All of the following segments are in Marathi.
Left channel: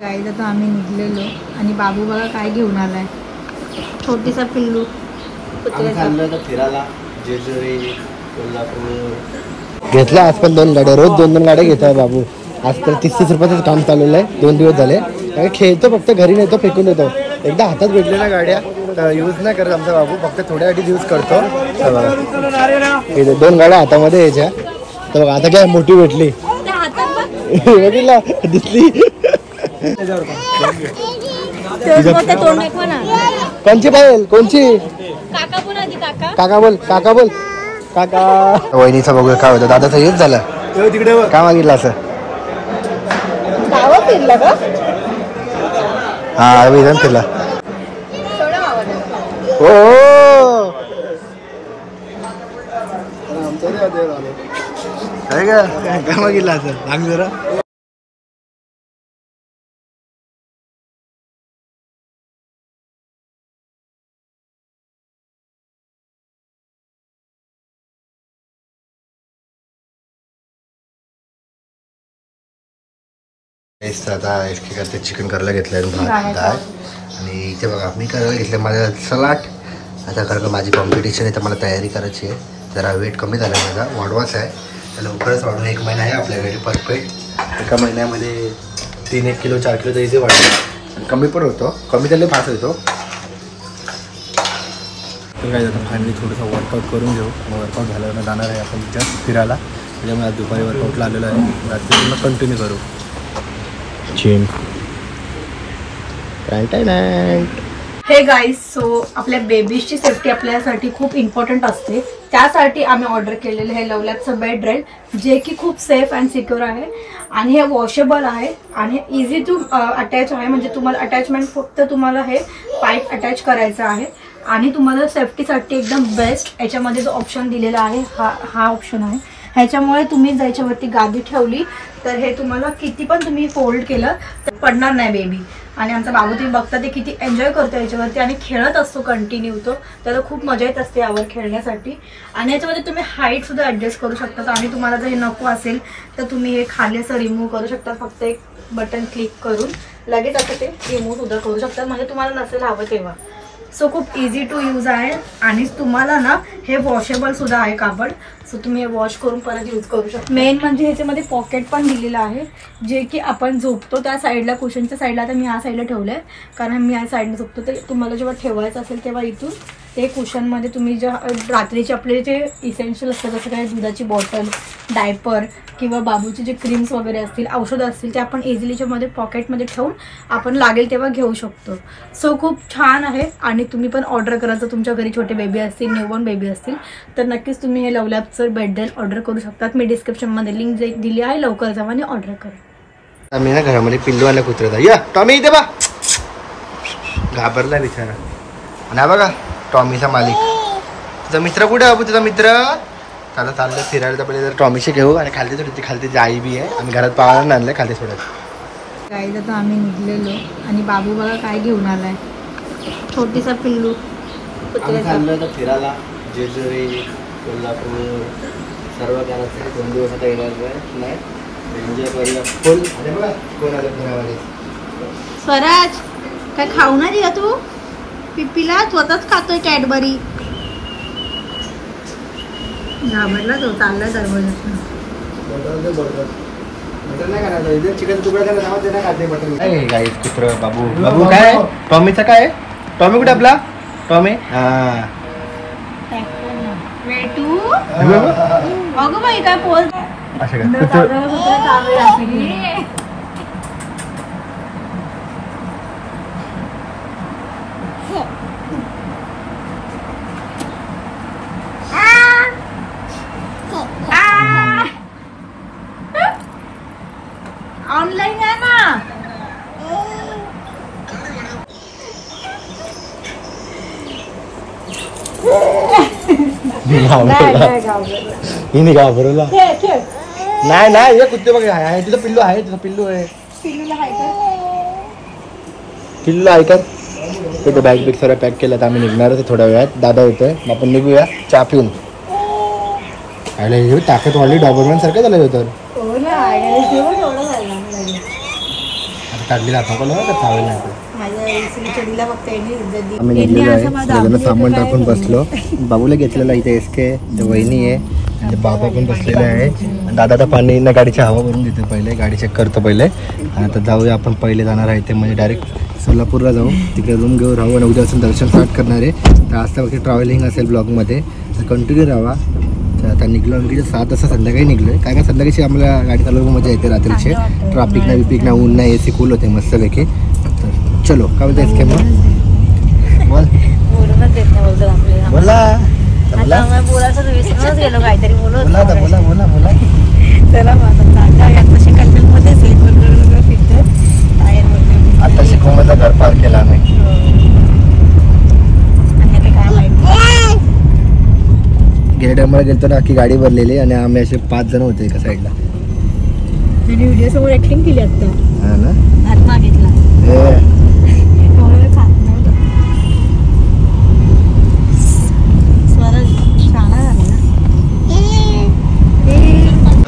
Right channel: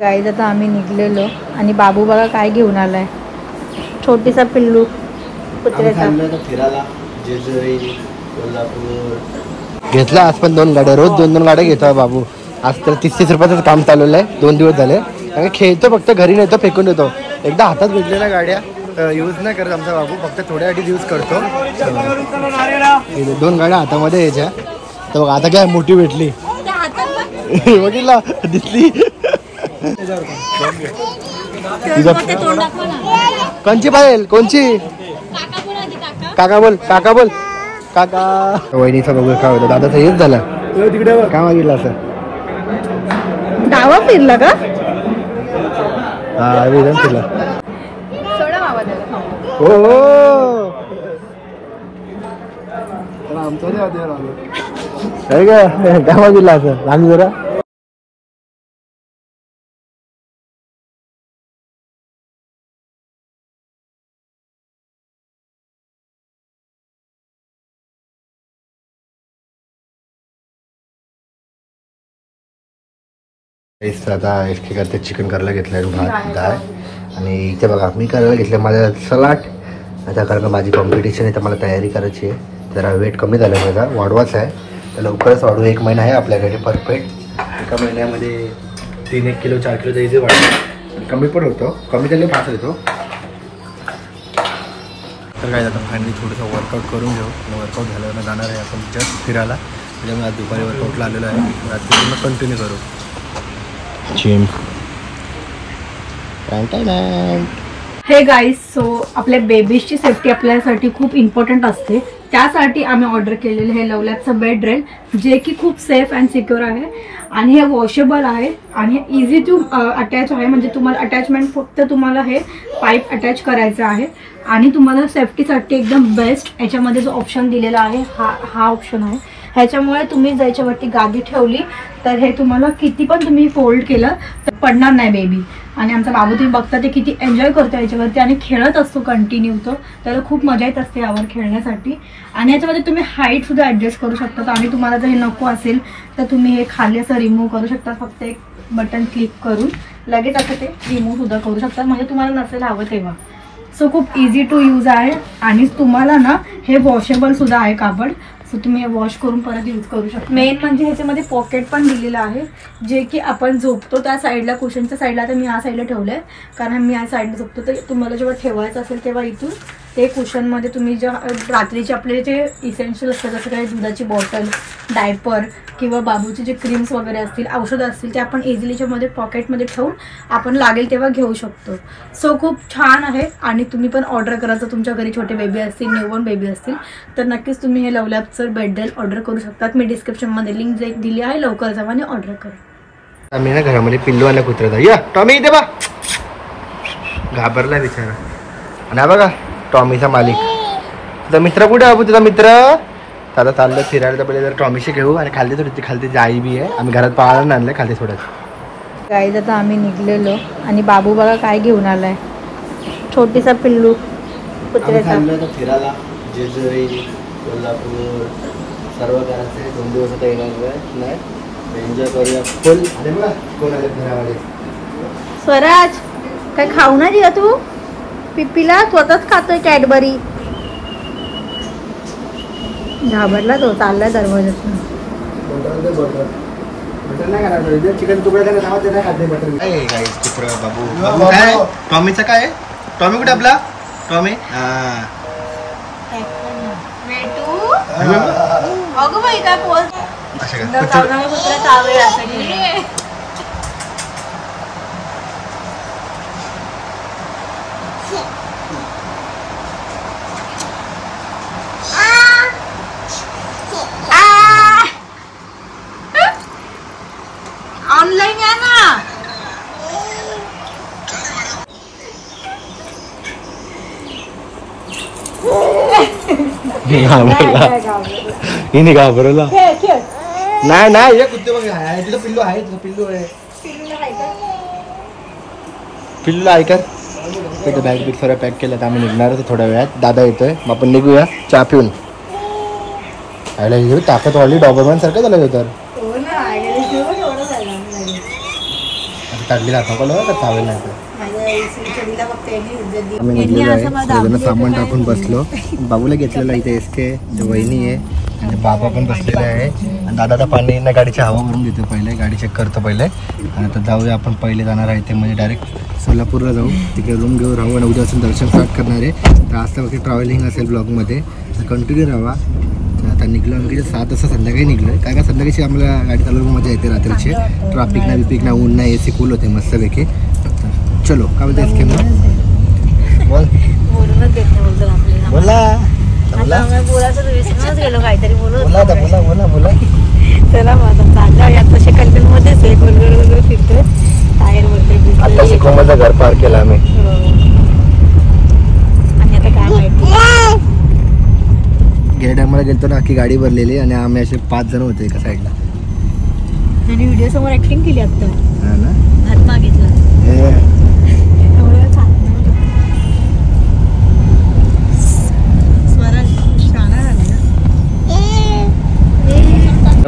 गाईज आता आम्ही निघलेलो आणि बाबू बघा काय घेऊन आलाय, छोटीसा पिल्लू कुत्र्याचा. फिरायला जेजुरी, कोल्हापूर घेतला. आज पण 2 गाड्या, रोज 2-2 गाड्या घेतो बाबू. आज तर 30-30 रुपयाचं काम चालवलं आहे. 2 दिवस झाले. आणि खेळतो फक्त, घरी नेतो फेकून देतो. एकदा हातात भेटलेल्या गाड्या यूज नाही करत आमचा बाबू, फक्त थोड्यासाठी यूज करतो. 2 गाड्या हातामध्ये यायच्या. तर बघा आता काय मोठी भेटली बघितला दिसली. कोणची पाहिजे कोणची? काका बोल, काका बोल, काका. वहिनीचा बघूया काय होतं. दादाचा हेच झाला काय मागितलं असं. हा विधान फिरला. हो काय काय मागितलं असं सांग जरा. आता एसके करते चिकन करायला घेतलं आहे, भात डाळ. आणि इथे बघा मी करायला घेतलं माझ्या सलाड. आता कारण माझी कॉम्पिटिशन आहे तर मला तयारी करायची आहे. जरा वेट कमी झालं माझा, वाढवायचं आहे तर लवकरच वाढू. 1 महिना आहे आपल्याकडे परफेक्ट. एका महिन्यामध्ये 3-1 किलो 4 किलो तरी वाढतो. कमी पण होतो, कमी झाले फास्ट होतो. तर काय आता फायनली थोडंसं वर्कआउट करून घेऊ. वर्कआउट झाल्यावर जाणार आहे आपण जस्ट फिरायला. त्याच्यामुळे आज दुपारी वर्कआउटला आलेलो आहे. रात्री पूर्ण कंटिन्यू करू जिम. हे गाईज, सो आपल्या बेबीजची सेफ्टी आपल्यासाठी खूप इम्पॉर्टंट असते. त्यासाठी आम्ही ऑर्डर केलेलं हे लवलॅबचं बेड रेल, जे की खूप सेफ अँड सिक्युअर आहे. आणि हे वॉशेबल आहे आणि इझी टू अटॅच आहे. म्हणजे तुम्हाला अटॅचमेंट फक्त तुम्हाला हे पाईप अटॅच करायचं आहे. आणि तुम्हाला सेफ्टीसाठी एकदम बेस्ट याच्यामध्ये जो ऑप्शन दिलेला आहे हा ऑप्शन आहे. ह्याच्यामुळे तुम्ही ज्याच्यावरती गादी ठेवली तर हे तुम्हाला किती पण तुम्ही फोल्ड केलं तर पडणार नाही बेबी. आणि आमचा बाबू तुम्ही बघता ते किती एन्जॉय करतो याच्यावरती आणि खेळत असतो कंटिन्यू. तो त्याला खूप मजा येत असते यावर खेळण्यासाठी. आणि याच्यामध्ये तुम्ही हाईट सुद्धा ॲडजस्ट करू शकता. आणि तुम्हाला जर हे नको असेल तर तुम्ही हे खाली असं रिमूव्ह करू शकता. फक्त एक बटन क्लिक करून लगेच असं ते रिमूव्ह सुद्धा करू शकता, म्हणजे तुम्हाला नसेल हवं तेव्हा. सो खूप इझी टू यूज आहे. आणि तुम्हाला ना हे वॉशेबल सुद्धा आहे कापड. सो तुम्ही हे वॉश करून परत यूज करू शकता. मेन म्हणजे ह्याच्यामध्ये पॉकेट पण दिलेलं आहे, जे की आपण झोपतो त्या साईडला, कुशनच्या साईडला. आता मी ह्या साईडला ठेवलं आहे कारण मी ह्या साईडला झोपतो. तर तुम्हाला जेव्हा ठेवायचं असेल तेव्हा इथून ते कुशनमध्ये तुम्ही जे रात्रीचे आपले जे इसेन्शियल असतात, जसं काही दुधाची बॉटल, डायपर किंवा बाबूचे जे क्रीम्स वगैरे असतील, औषधं असतील, ते आपण इझिलीच्यामध्ये पॉकेटमध्ये ठेवून आपण लागेल तेव्हा घेऊ शकतो. सो खूप छान आहे. आणि तुम्ही पण ऑर्डर करा. जर तुमच्या घरी छोटे बेबी असतील, न्यूबॉर्न बेबी असतील तर नक्कीच तुम्ही हे लवलॅबचं बेड रेल ऑर्डर करू शकतात. मी डिस्क्रिप्शनमध्ये लिंक दिली आहे, लवकर जावा आणि ऑर्डर करा. आम्ही ना घरामध्ये पिल्लू आला कुत्र्याचा. या टॉमी इथे बा, घाबरला बिचारा. आणि हा बघा टॉमीचा मालिक. तुझा मित्र कुठे आहे? तुझा मित्र आता चाललं फिरायला. तर पहिले जर टॉमीशी घेऊ. आणि खालती थोडी खालती आई बी आहे. आम्ही घरात पाळायला आणलं खालती थोडं. गाईज आता आम्ही निघलेलो आणि बाबू बघा काय घेऊन आलाय, छोटीसा पिल्लू कुत्र्याचा. फिरायला जेजुरी, कोल्हापूर सर्व करायचं. 2 दिवस आता येणार नाही. एन्जॉय करूया फुल. अरे बघा कोण आले फिरामध्ये. स्वराज काय खाऊ नाही दिला तू पिप्पीला? स्वतःच खातोय कॅडबरी. घाबरला तो, चाललाय दरवाजात. चिकन तुकडा नाही गाईस. कुत्र बाबू. बाबू काय टॉमीचा काय? टॉमी कुठे आपला? टॉमी अशा काय ऑनलाईन या ना. घाबरला नाही ना. हे कुत्ते बघा तुझं पिल्लू आहे. तुझं पिल्लू आहे. पिल्लूला आहे का? ते बॅग बिग सर्व पॅक केलं तर आम्ही निघणार होतो थोड्या वेळात. दादा येतोय मग आपण निघूया चहा पिऊन. आयला ताकद वाढली डॉबरमॅन सारखं झालं होतं. काढली चालेल नाही. आम्ही निघलेलो आहे सगळ्यांना सामान टाकून बसलो. बाबूला घेतलेला इथे SK वहिनी आहे म्हणजे बाबा पण बसलेला आहे आणि दादा तर पाणी ना गाडीची हवा भरून देते पहिले गाडी चेक करतो पहिले. आणि आता जाऊया आपण पहिले जाणार आहे ते म्हणजे डायरेक्ट सोलापूरला जाऊ तिकडे रूम घेऊन राहू आणि उद्यापासून दर्शन स्टार्ट करणार आहे. तर आज तर ट्रॅव्हलिंग असेल ब्लॉगमध्ये तर कंटिन्यू राहा. तर आता निघलो आम्ही 7 वाजता संध्याकाळी निघलो आहे काय संध्याकाळची आम्हाला गाडी चालवून मजा येते रात्रीचे. ट्रॅफिक ना बिपिक ना ऊन नाही AC कूल होते मस्तपैकी. तर चलो काय बोलते SK मग बोल बोला काहीतरी बोलत बोला बोला बोला. चला आता कल्पनमध्येच फिरतोय टायर वगैरे घर पार्क केलं आम्ही. आणि आता काय माहिती गेल्या टायमाला गेलतो ना की गाडी भरलेली आणि आम्ही असे 5 जण होते एका साईडला. आणि व्हिडिओ समोर ऍक्टिंग केली आता हा ना हात मागितला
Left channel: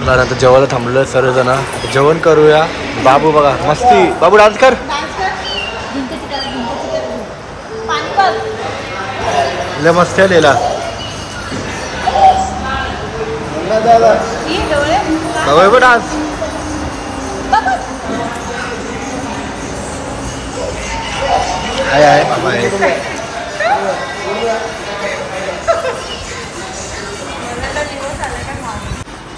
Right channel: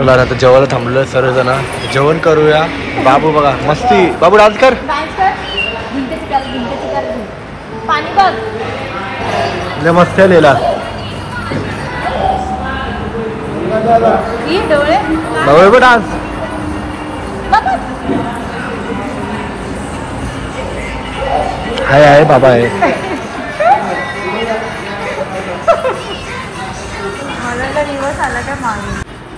आता जेवायला थांबलोय सर्वजण जेवण करूया. बाबू बघा मस्ती बाबू डान्स कर. मस्त लिहिला बाबू डान्स. बाबा आहे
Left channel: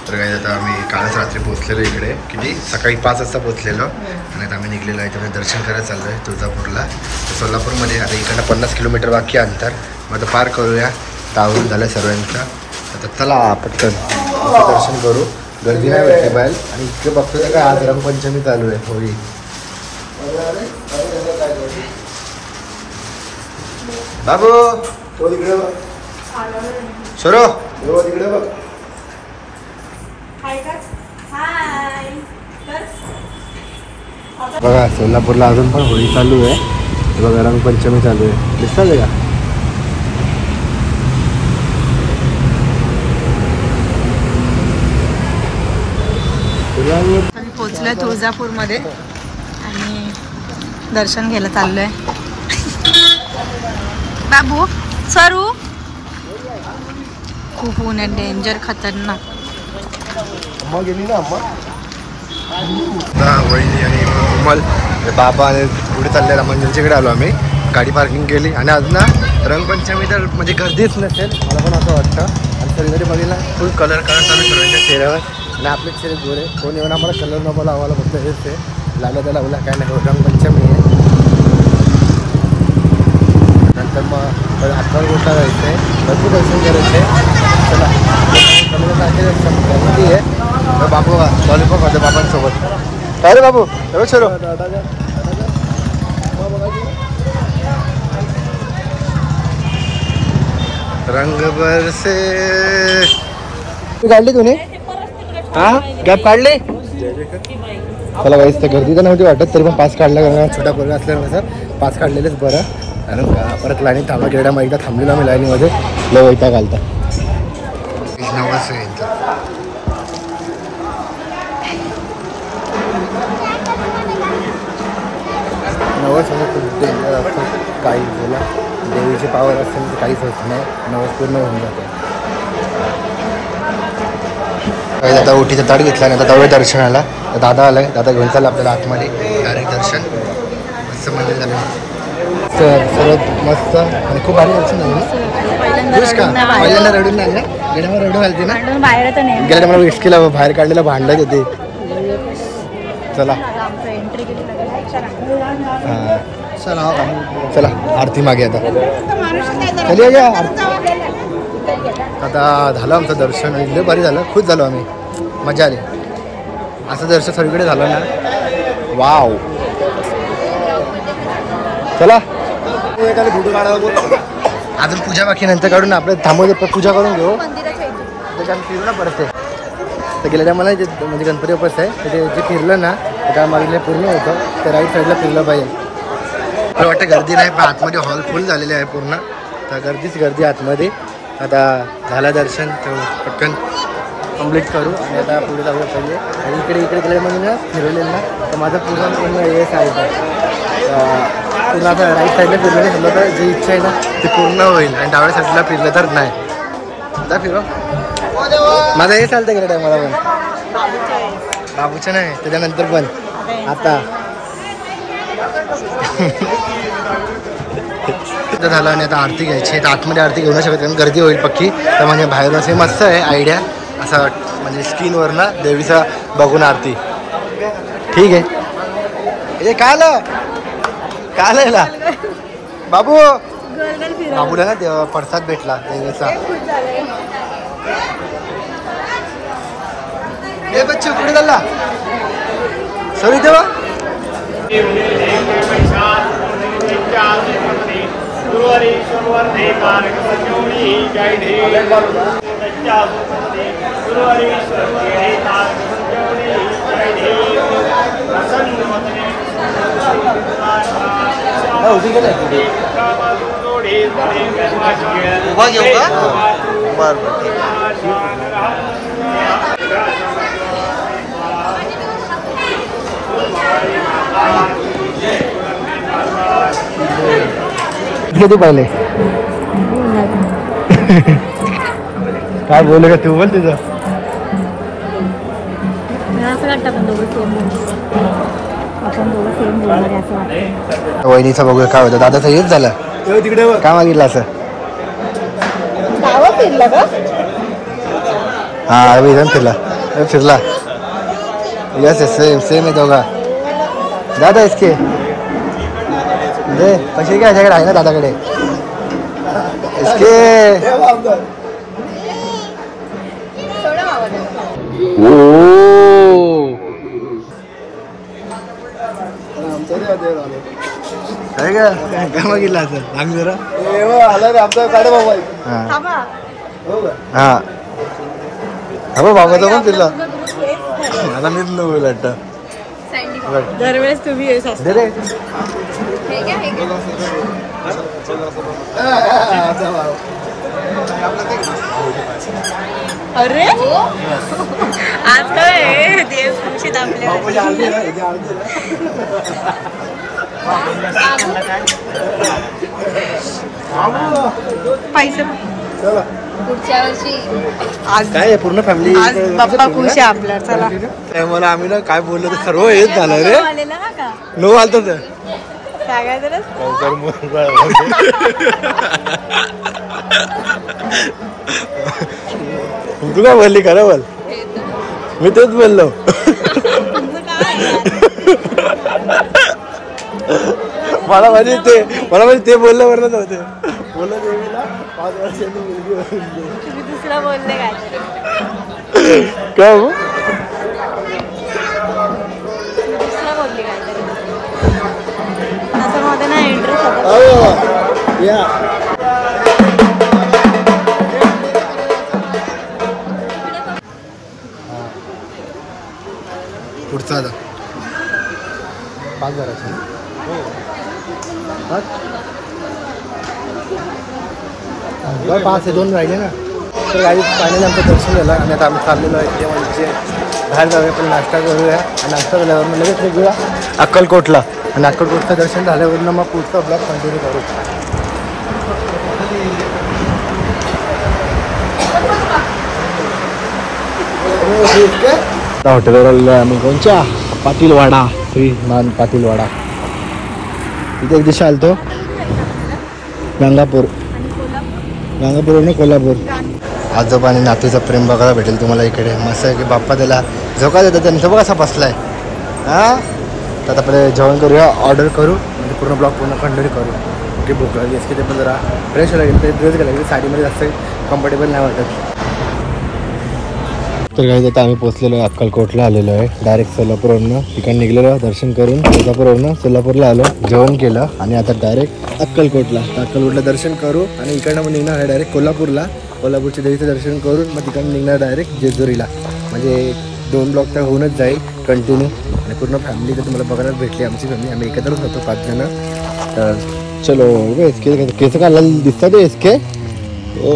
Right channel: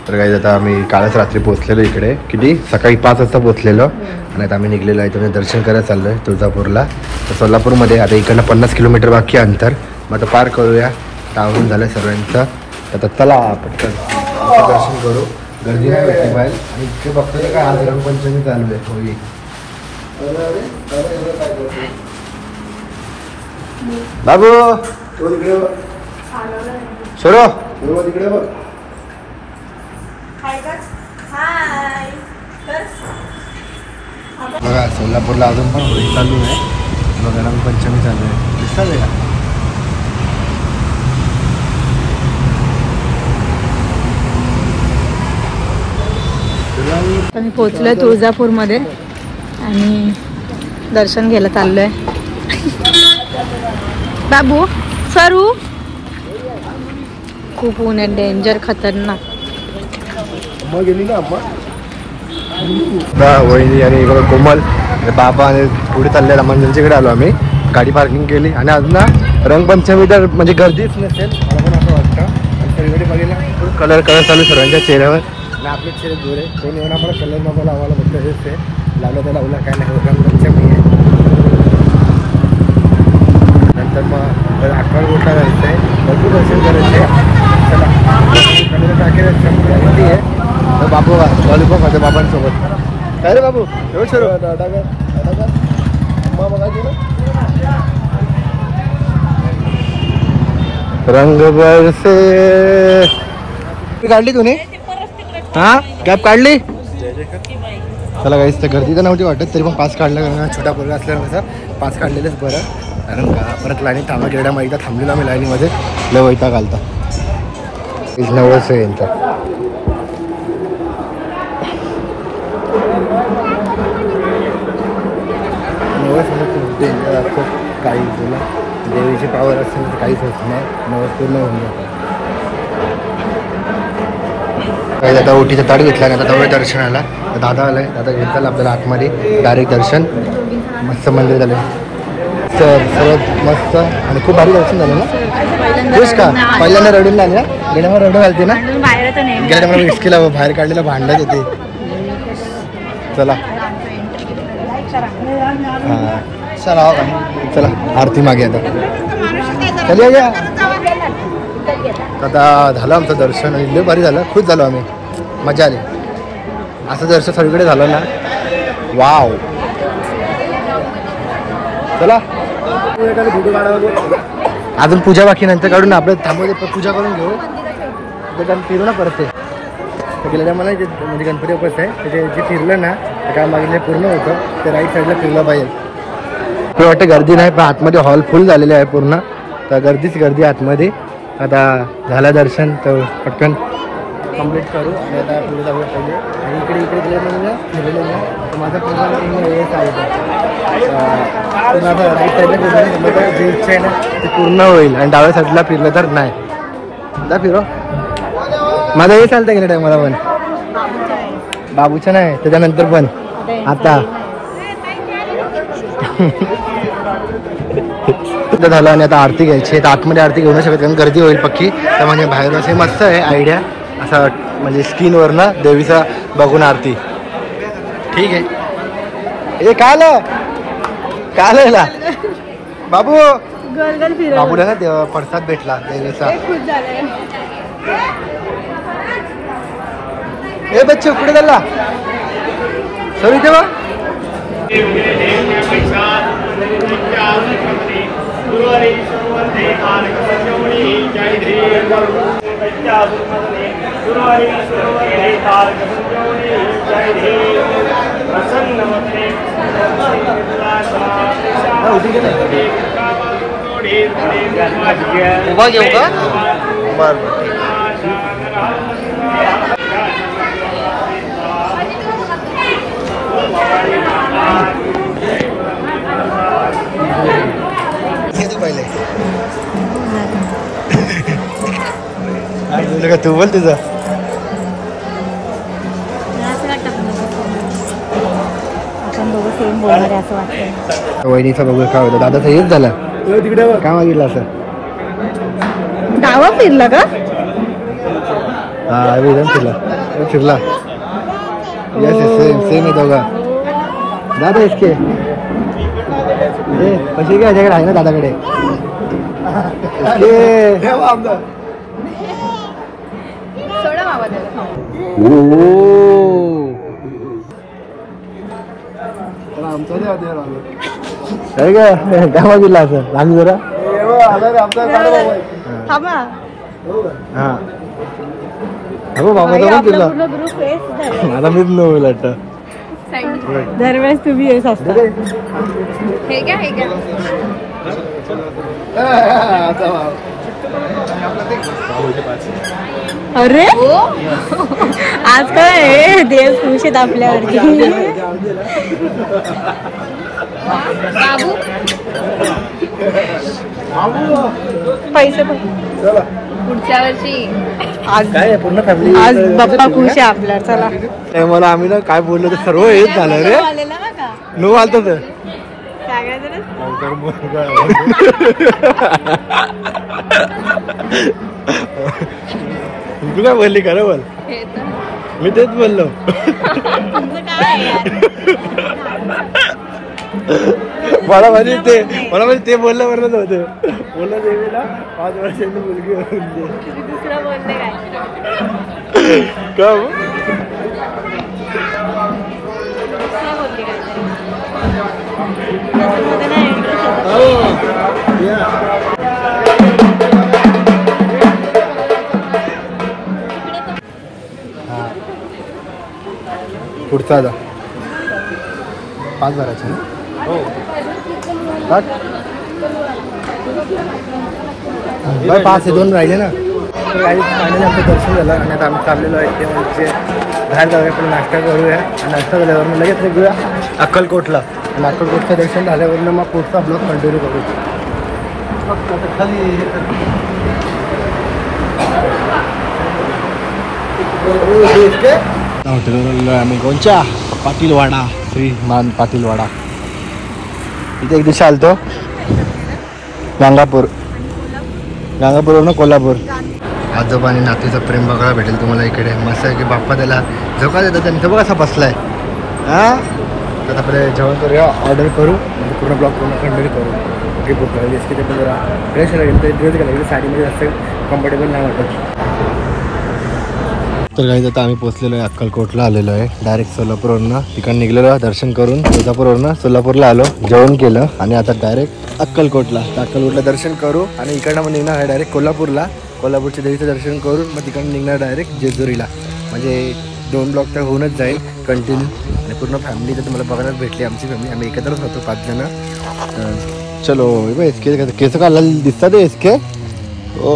तर काही आता आम्ही कालच रात्री पोहोचलेलो इकडे किती सकाळी 5 वाजता पोहोचलेलो आणि आता आम्ही निघलेलो आहे तुम्ही दर्शन करायला चाललो आहे तुळजापूरला. तर सोलापूरमध्ये आता इकडनं 50 किलोमीटर बाकी अंतर. मग आता पार करूया. तावरून झालं सर्वांचं. आता चला पटकन दर्शन करू. गर्दी नाही भेटली बाहेर आणि इथे बघतोय काय आज रंगपंचमी चालू आहे होळी. बाबू शोरो बघा सोलापूरला अजून पण होळी चालू आहे. बघा रंगपंचमी चालू आहे दिसतंय का. आम्ही पोहोचलोय तुळजापूरमध्ये आणि दर्शन घ्यायला चाललोय. बाबू सरू खूप ऊन आहे डेंजर खतरनाक. वहिनी आणि बघा कोमल बाबा आणि पुढे चाललेला मंदिरच्याकडे आलो आम्ही. गाडी पार्किंग केली आणि आज ना रंगपंचमी तर म्हणजे गर्दीच नसेल मला पण असं वाटतं. आणि सगळीकडे बघितला फुल कलर चालू सर्वांच्या चेहऱ्यावर आणि आपले चेहरे गोरे कोण येऊन आम्हाला कलर नको लावायला म्हटलं हेच ते लावलं त्या लावला काय नाही रंगपंचमी आहे. नंतर मग 11 गोष्ट जायचं आहे भरपूर दर्शन करायचे. चला कमी टाकेल गॅरंटी आहे. तर बापू बघा लॉलीपॉप होते बाबांसोबत काय रे बाबू एवढं छोरो रंग बरसे काढली तुम्ही हा कॅब काढली. चला काहीच तर गर्दी तर नव्हती वाटत तरी पण पास काढला कारण छोटा पोरगा असल्यामुळे सर पास काढलेलंच बरं. कारण परत लाईनीत थांबा गेल्या मग एकदा थांबलेलो आम्ही लाईनीमध्ये लय वैताग घालता. नवस आहे यांचा. नवस म्हणजे खूप डेंजर असतं. काही बोला देवीची पावर असते तर काहीच होत नाही. नवस पूर्ण होऊन जातं. काही आता ओटीचा ताट घेतला आणि आता जाऊया दर्शनाला. दादा आलाय दादा घेऊन चालला आपल्याला आतमध्ये डायरेक्ट दर्शन मस्त मंदिर झाले. तर सर्वात मस्त आणि खूप भारी दर्शन झालं ना. तेच का पहिल्यांदा रडून लागला गेल्या मला रडू घालते ना गेल्या मला इस्कीला बाहेर काढलेला भांडला येते. चला हां चला चला आरती मागे आता चल या. आता झालं आमचं दर्शन आणि लय भारी झालं. खुश झालो आम्ही मजा आली. असं दर्शन सगळीकडे झालं ना वाव. चला अजून पूजा बाकी नंतर काढून आपलं थांबवते पूजा करून घेऊ. ते फिरू ना परत ते गेलेल्या मला जे म्हणजे गणपती बाप्पा आहे ते जे फिरलं ना ते काय मागितलं पूर्ण होतं. ते राईट साईडला फिरलं पाहिजे. मला वाटतं गर्दी नाही, पण आतमध्ये हॉल फुल झालेले आहे पूर्ण, तर गर्दीच गर्दी आतमध्ये. आता झालं दर्शन तर पटकन कंप्लीट करू आणि आता पुढे जाऊ पाहिजे. आणि इकडे गेले म्हणजे फिरवलेलं ना, तर माझं पूर्ण हे चालतं पूर्ण आता राईट साईडला फिरलं समजा तर जी इच्छा आहे ना ती पूर्ण होईल, आणि डाव्या साईडला फिरलं तर नाही. जा फिरो, माझं हे चालतं की नाही मला पण, बाबूचं नाही त्याच्यानंतर पण. आता झालं आणि आता आरती घ्यायची आहे. तर आतमध्ये आरती घेऊ नाही शकत कारण गर्दी होईल पक्की, तर म्हणजे बाहेर असे मस्त आहे आयडिया, असं म्हणजे स्क्रीनवर ना देवीचा बघून आरती. ठीक आहे. हे काय आलं बाबू, बाबूला ना देवा प्रसाद भेटला देवीचा. हे बच्चे पुढे चालला सॉरी देवा. उभा घेऊ का? बरं बरं. किती पाहिले काय बोलू का तू, बोल तुझं. आपण दोघं सेम बोलणार असं वाटतं. वहिनीचं बघूया काय होतं. दादाचं हेच झालं काय मागितलं असं. गावा फिरला का? हा विधान फिरला यस सेम सेम आहे दोघा. दादा इसके पैसे काय ह्याच्याकडे आहे ना दादाकडे इसके. काय काय मागितलं असं सांग जरा. हा हा बाबाचा पण फिरला. आता मीच न होईल वाटतं. दरवेळेस तुम्ही येस असता. अरे आज काय देव खुश आहेत आपल्यावरती. पैसे पण पुढच्या वर्षी. आज काय पूर्ण फॅमिली आज बाप्पा खुश आहे आपल्या. चला मला आम्ही ना काय बोललो ते सर्व हेच झालं रे. नो आलत तर तू काय बोलली खरं बोल. मी तेच बोललो. मला माहिती ते बोललं बरं नव्हते. बोललं देवीला 5 वर्षांनी मुलगी काय पुढचा आता 5 भरायचे. पाच 2 राहिले ना. तर काही पाण्याने आमचं दर्शन झालं आणि आता आम्ही चाललेलो आहे ते म्हणजे बाहेर जाऊया पण नाश्ता करूया. आणि नाश्ता झाल्यावर मग लगेच निघूया अक्कलकोटला. आणि अक्कलकोटचं दर्शन झाल्यावर मग पुढचा ब्लॉग कंटिन्यू करू. हॉटेलवर आलेलो आहे आम्ही कोणच्या पाटीलवाडा श्रीमान पाटीलवाडा. इथे एक दिवशी आलतो गंगापूरवरून कोल्हापूर. आजोबा आणि नातूचं प्रेम बघायला भेटेल तुम्हाला इकडे. मस्त आहे की बाप्पा त्याला झोका देतात. त्यांचा बघा असा बसलाय. हां तर आपल्याला जेवण करूया ऑर्डर करू म्हणजे पूर्ण ब्लॉग पूर्ण कंटिन्यू करू. ओके बुक करायची एस की ते पण जरा फ्रेश लागेल तर ड्रेस घालायचे. साडीमध्ये जास्त कम्फर्टेबल नाही वाटत. तर काही आता आम्ही पोचलेलो आहे अक्कलकोटला आलेलो आहे. डायरेक्ट सोलापूरवरनं तिकडं निघलेलो दर्शन करून. तुळजापूरवरनं सोलापूरला आलो जेवण केलं आणि आता डायरेक्ट अक्कलकोटला. तर अक्कलकोटला दर्शन करू आणि इकडनं मग निघणार आहे डायरेक्ट कोल्हापूरला. कोल्हापूरच्या देवीचं दर्शन करून मग तिकडनं निघणार डायरेक्ट जेजुरीला. म्हणजे 2 ब्लॉक तर होऊनच जाईल कंटिन्यू. आणि पूर्ण फॅमिली तर तुम्हाला बघायला भेटली. आमची फॅमिली आम्ही एकत्रच होतो 5 जण. चलो एसके केस काढला दिसतात एसके ओ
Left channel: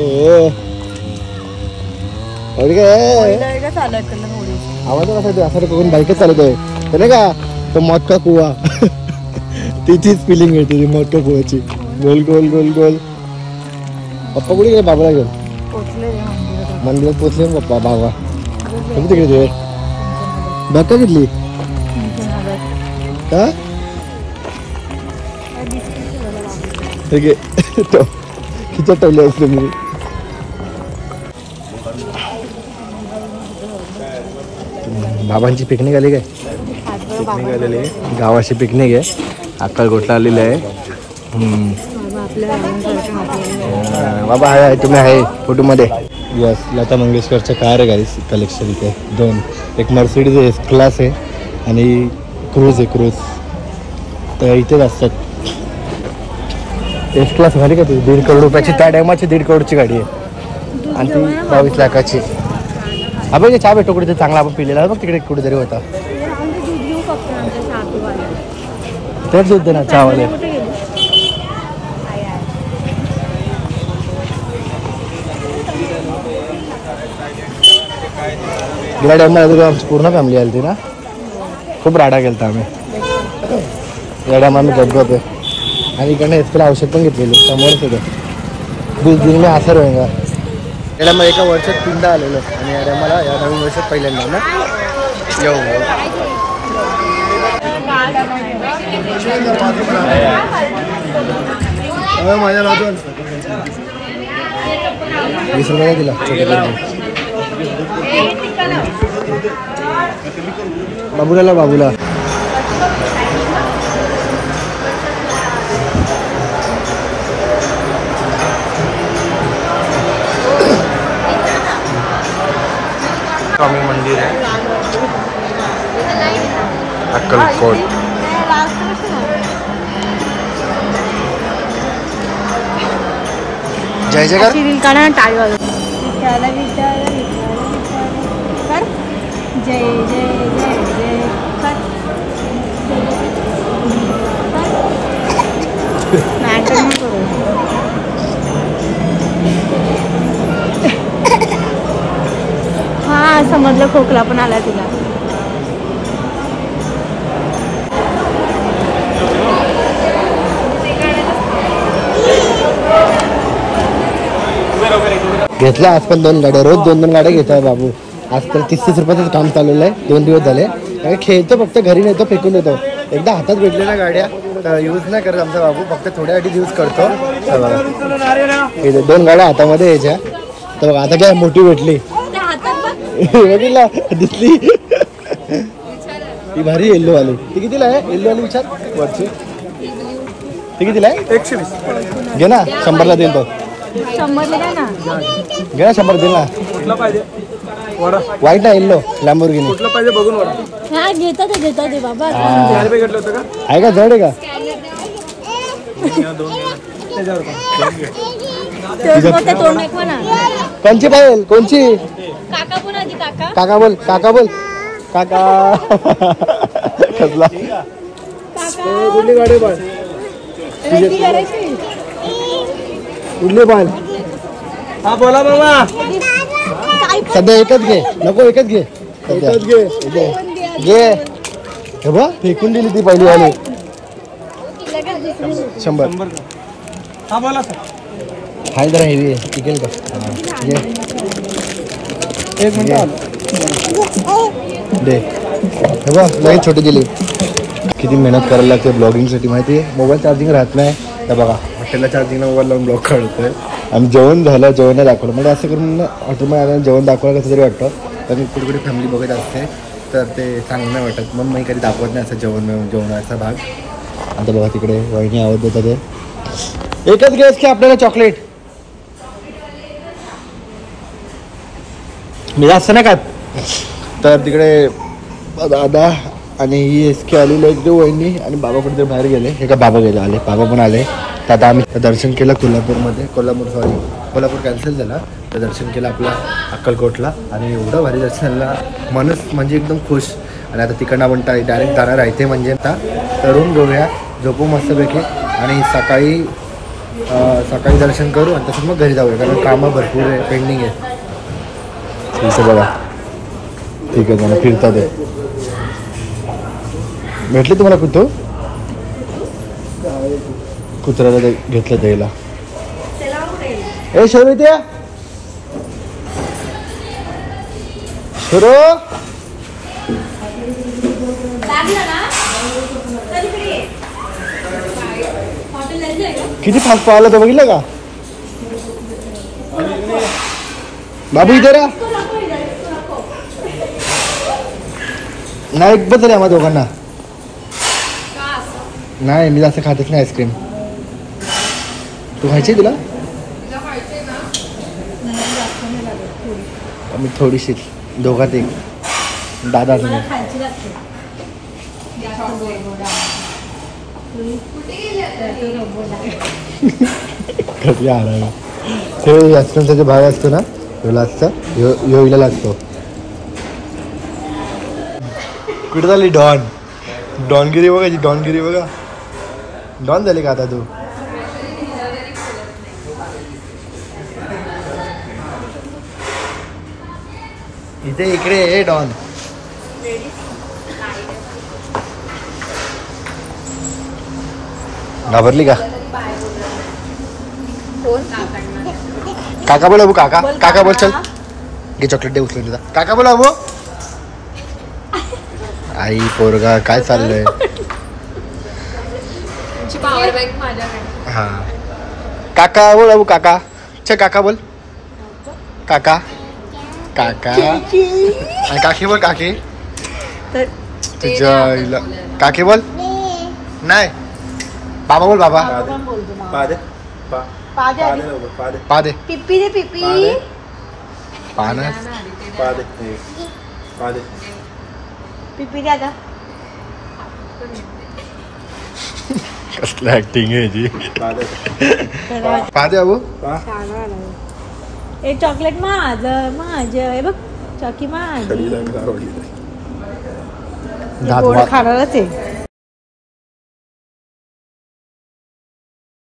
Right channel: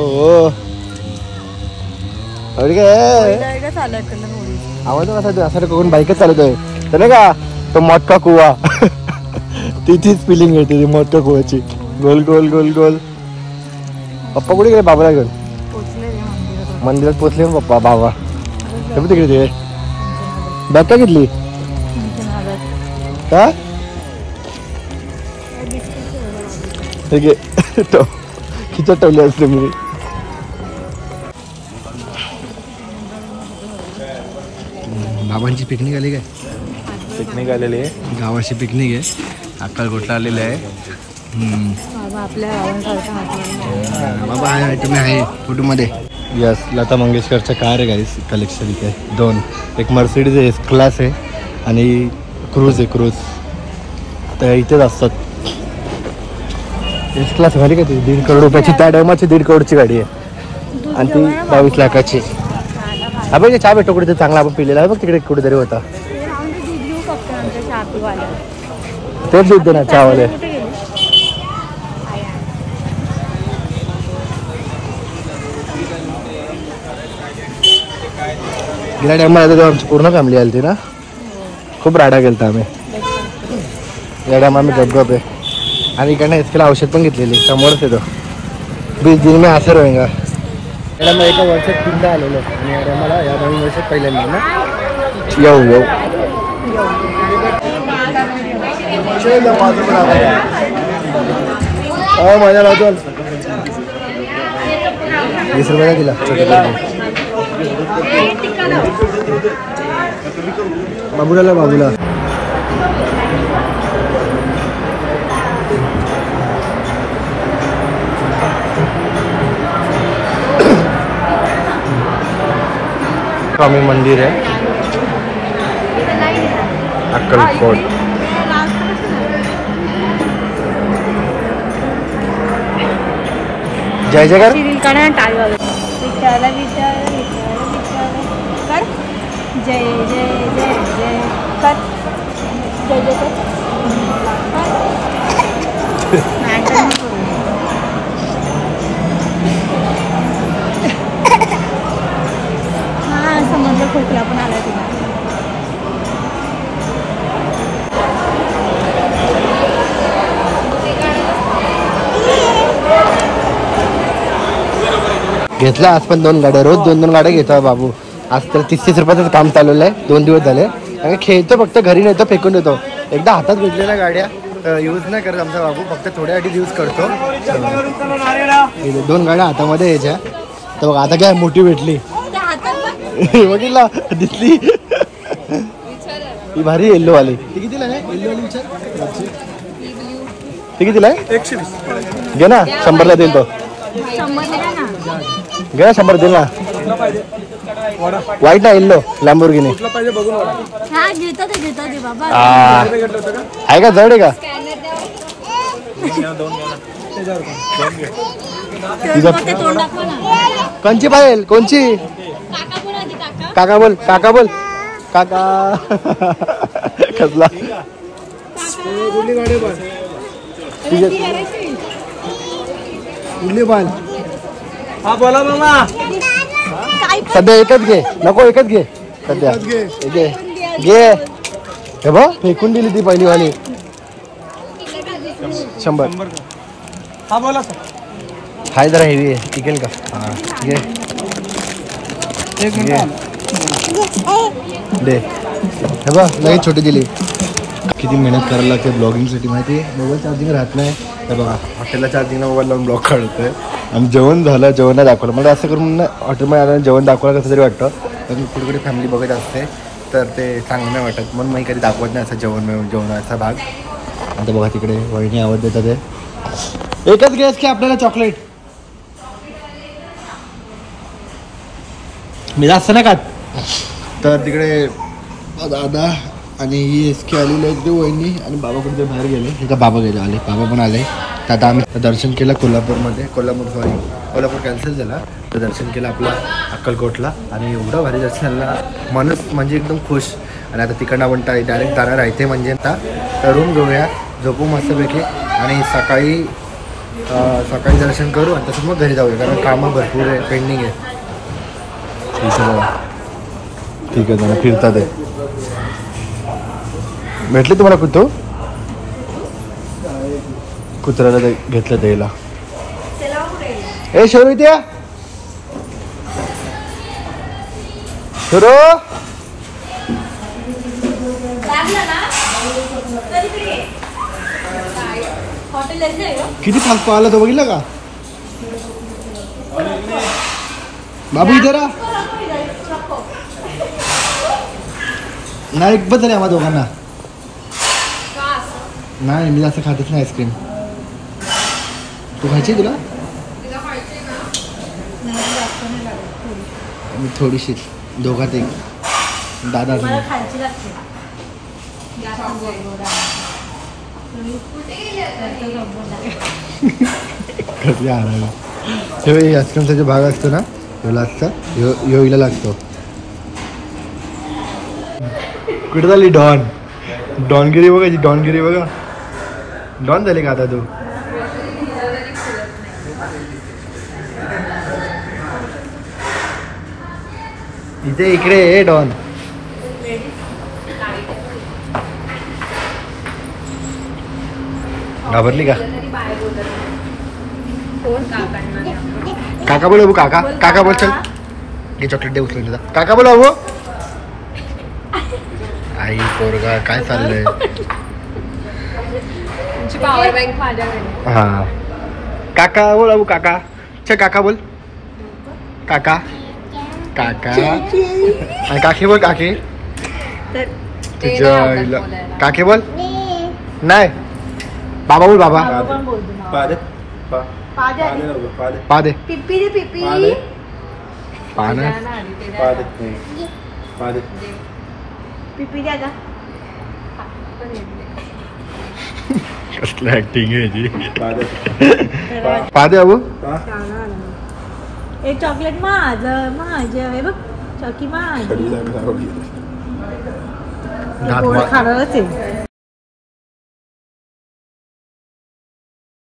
आवाज कसा असं कोण बाईकच चालत आहे तर नाही का तो मोठा कुवा तिचीच फिलिंग येते ती मोठ्या कुवाची गोल गोल गोल गोल पप्पा कुठे गेले बाबाला घेऊन मंदिरात पोचले पप्पा बाबा तिकडे ते बॅग का घेतली का खिचत ठेवली असते मी बाबांची पिकनिक आली काय पिकनिक आलेली आहे गावाची पिकनिक आहे अक्कलकोटला आलेली आहे बाबा आहे तुम्ही आहे फोटोमध्ये यस लता मंगेशकरच्या कार आहे गाईस कलेक्शन इथे दोन एक मर्सिडीज एस क्लास आहे आणि क्रूज आहे क्रूज तर इथेच असतात एस क्लास घाली का तुझी 1.5 करोड रुपयाची त्या टायमाची 1.5 करोडची गाडी आहे आणि ती 22 लाखाची हा बघ चहा भेटतो कुठे चांगला आपण पिलेला आहे बघ तिकडे कुठेतरी होता तेच दूध दे ना चहावाले गेल्या टायमाला आमची पूर्ण फॅमिली आली होती ना खूप राडा गेलता आम्ही या टायमा आम्ही गपगप आहे आणि इकडनं एसकेला औषध पण घेतलेली समोरच येतो 20 दिन में असर होईगा याला मग एका वर्षात 3दा आलेलो आणि या टायमाला या नवीन वर्षात पहिल्यांदा ना येऊ माझ्या बाजू 20 रुपयाला दिला बाबूला बाबूला स्वामी मंदिर है अक्कलकोट जय जयकार जय जय जय जय कर जय जय हा समजलं खोकला पण आला तिला घेतल्या आज पण 2 गाड्या रोज 2 गाड्या घेतो बाबू आज तर 30 रुपयाचं काम चालवलं आहे 2 दिवस झाले आणि खेळतो फक्त घरी नव्हतं फेकून देतो एकदा हातात भेटलेल्या गाड्या यूज नाही करत आमचा बाबू फक्त थोड्यासाठी यूज करतो 2 गाड्या हातामध्ये यायच्या तर बघ आता काय मोठी भेटली बघितला दिसली ही भारी येल्लो वाली ती कितीला आहे येल्लो वाली विचार वरची ती कितीला आहे 120 घे ना 100ला देईल तो 100 ना घे 100 देईल ना वाईट ना येल्लो लॅम्बोर्गिनी कुठला पाहिजे बघून हा घेतो ते बाबा आहे का जड आहे का कोणची पाहिजे कोणची काका बोल काका बोल काका कसला कुठली गाडी बाळ कुठली बाळ हा बोला मामा सध्या एकच घे नको एकच घे सध्या घे हे बघ फेकून दिली ती पहिली वाली 100 हा बोला हाय जरा हेवी आहे टिकेल का घे एक मिनिट दे हे बघ लगेच छोटी दिली किती मेहनत करायला लागते ब्लॉगिंगसाठी माहिती आहे मोबाईल चार्जिंग राहत नाही तर बघा हॉटेलला चार्जिंगला मोबाईल लावून ब्लॉग काढतोय आणि जेवण झालं जेवण दाखवलं म्हणजे असं करून हॉटेलमध्ये आल्यानं जेवण दाखवायला कसं तरी वाटतं कारण कुठे फॅमिली बघत असते तर ते चांगलं नाही वाटत म्हणून मी कधी दाखवत नाही असं जेवणाचा भाग आता बघा तिकडे वहिनी आवाज देतात ते एकच गॅस की आपल्याला चॉकलेट मी जास्त नाही खात तर तिकडे दादा आणि ही एसके आलेली आहे वहिनी आणि बाबा कुठे बाहेर गेले हे का बाबा गेले आले बाबा पण आले तर आता आम्ही दर्शन केलं कोल्हापूर कॅन्सल झाला तर दर्शन केलं आपलं अक्कलकोटला आणि एवढं भारी दर्शन झालं मनच म्हणजे एकदम खुश आणि आता तिकडनं आपण डायरेक्ट जाणार आहे ते म्हणजे आता रूम घेऊया झोपू मस्तपैकी आणि सकाळी दर्शन करू आणि तसंच मग घरी जाऊया कारण कामं भरपूर आहे, पेंडिंग आहे. इथं बघा ठीक आहे जरा फिरतात आहे. भेटले तुम्हाला कुत्र्याला घेतलं द्यायला. ए शेरू इथे किती फास्ट पाहिलं तर बघितलं का बाबू इथे रा नाही एकच झाली आम्हा दोघांना. नाही मी जास्त खातच नाही आईस्क्रीम. तू खायची तुला मी थोडीशी दोघात एक दादा कसली आईस्क्रीमचा जो भाग असतो ना तो लागतो योगीला लागतो. कुठे झाली डॉनगिरी बघायची डॉनगिरी बघा. डॉन झाली का आता तू. इकडे ए डॉन. घाबरली का. काका बोल अबू काका बोल. चल घे चॉकलेट दे उचलून तुझा. काका बोल अबू. आई पोरगा काय चाललंय. हा काका बोल अबू काका. चल काका बोल काका. काकी बोल काकी. तुझ्या काकी बोल. नाही बाबा बोल बाबा. पा दे पिप्पी दे पिप्पी. पाना पिप्पी द्या का. कसलं ऍक्टिंग आहे जी. पा दे अबू. एक चॉकलेट माझं हे बघ चॉकी माझ. गोड खाणारच आहे.